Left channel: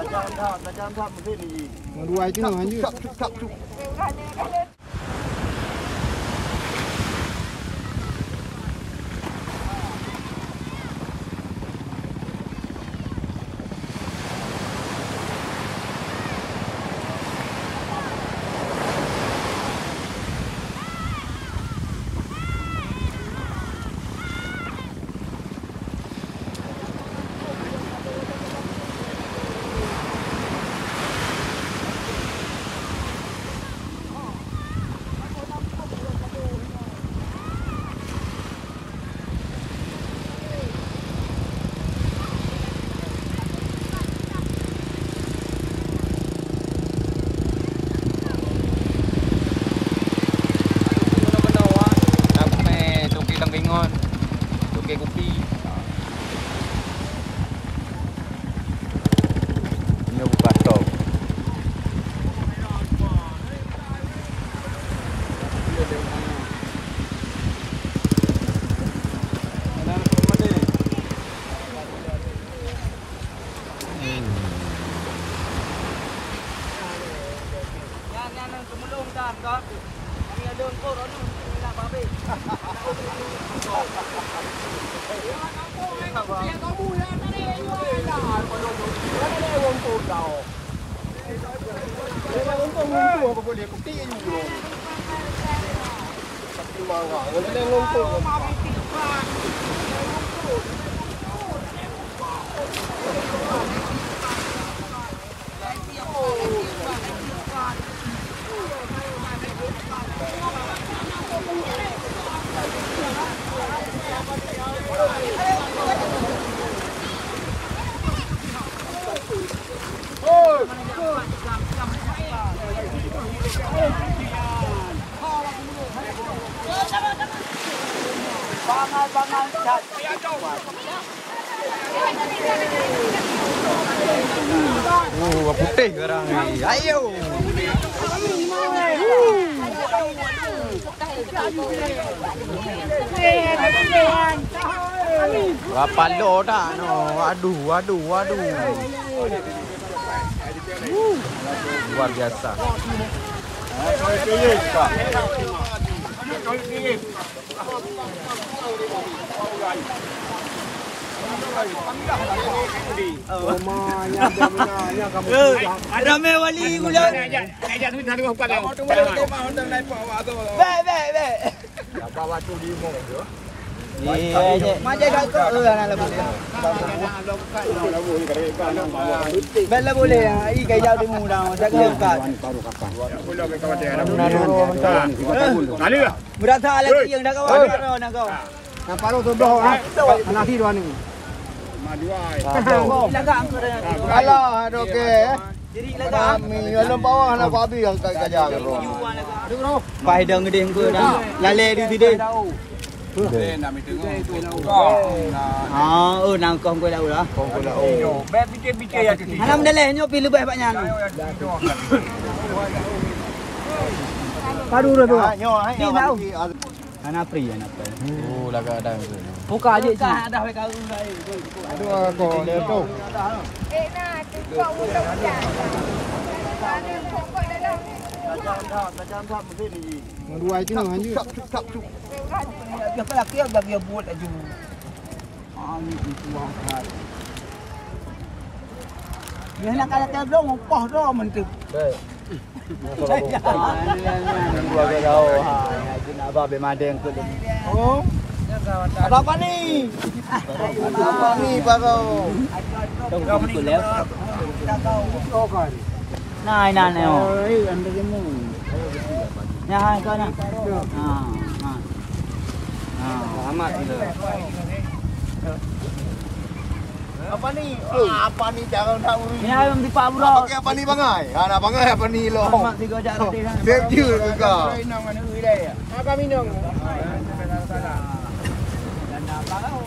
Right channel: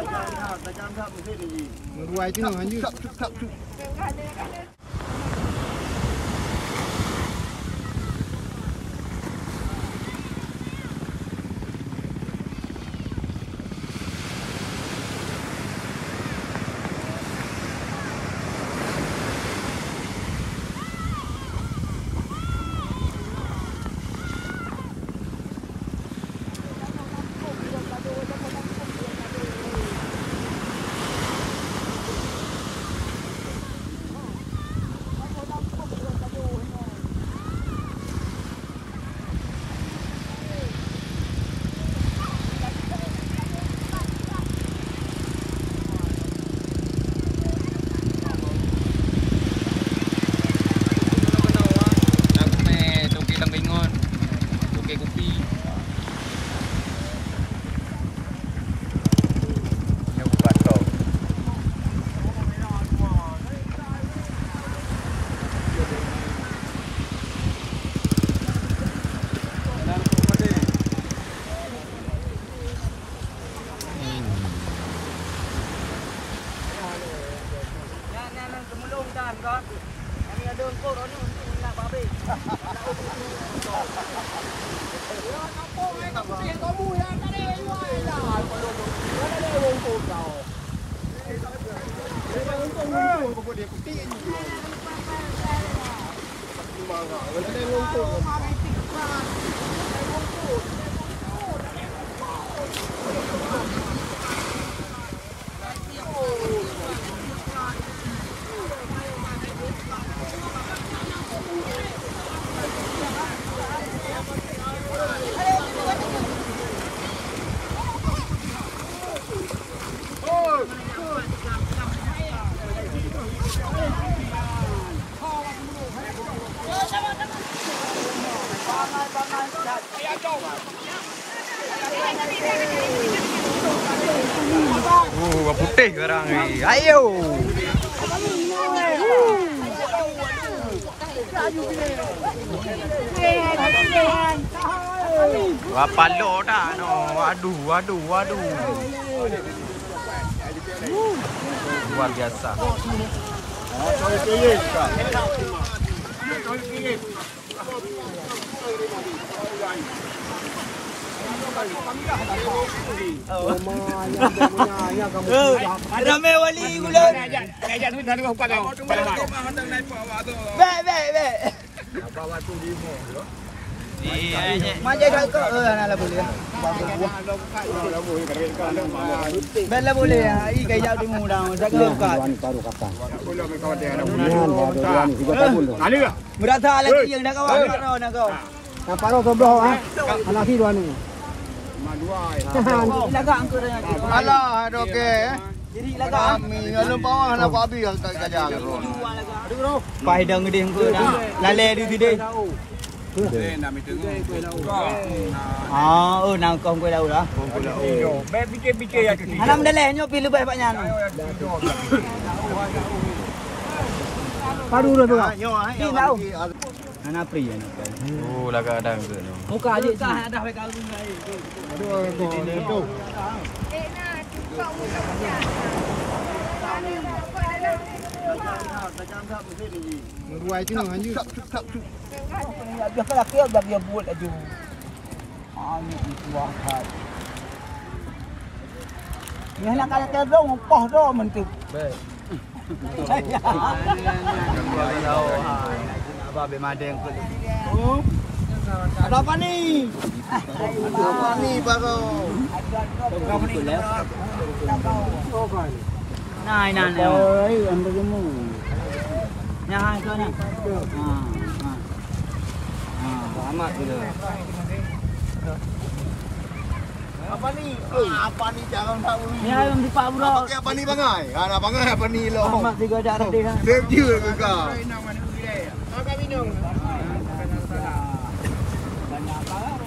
Tajam tak mungkin ni. Dua itu lanjut. Cuk. Putih sekarang ni. Ayo. Berapa lo dah no. Waduh. Luar biasa. Coy pilih tak? Ada mewali gula. Be. Bawa tu di mall tu. Macam kau Bella boleh ai kaya di mudah sak lekat. Baru kakak. Boleh ambil kawan dia. Mudah-mudahan 3 tahun tu. Mana lah? Berasa lagi yang dah kawan nak kau. Nampak tu sebelah ah. Anak si dua ni. Madua. Lagak angkut dah. Alah, okey. Jadi lagak Kami dalam bawah nak babi gajah. tujuan lagak. Aduh. Pai dah ngedeh ke dah. Lale di sini. Nak meeting tu. Nang kau kau dah ulah. Baik fikir-fikir yang kecil. Alam dah leh nyo pilih baik paknya. Padu dah tu. Ni tahu. Anak pri. Oh, lagak ada ke no. Buka aje sih. Dah baik kau baik. Aduh, tu. Tajam tak mungkin ni. Dua itu lanjut. Cuk. Dia pelaki agak dia buat aja. Ini buah hat. Ni nak kata terdong poh dah mentep. Baik. Apa bemadeng tu? Oh. Ada apa ni? Apa ni baru? Kau ni kau kan. Nah. Oi, anda jemu. Nah, kau nak. Selamat kita. Apa ni? Apa ni jangan tak urus. Ni ayam di Pak Bro. Pakai apa ni bangai? Nak bangai apa ni lo? Mak 3 jar dia. Cek je ke kau? Apa minum? Ganda apa kau?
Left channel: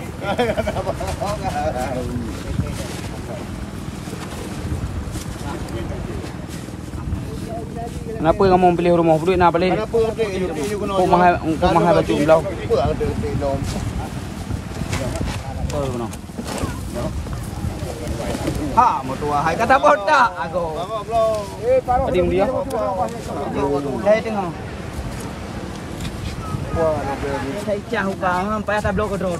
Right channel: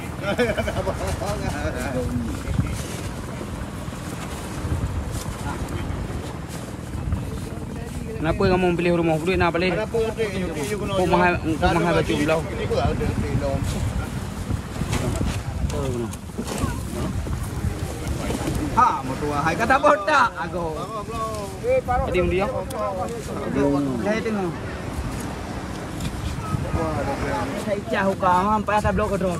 Kenapa kamu pilih rumah pulih nak balik? Kenapa ada? Kau mahal baju belau. Apa ada lom? Oh, no. Ha, mau tua hai kata botak aku. Tadi dia. Saya tengok. Saya cah hukam sampai atas blok kedua.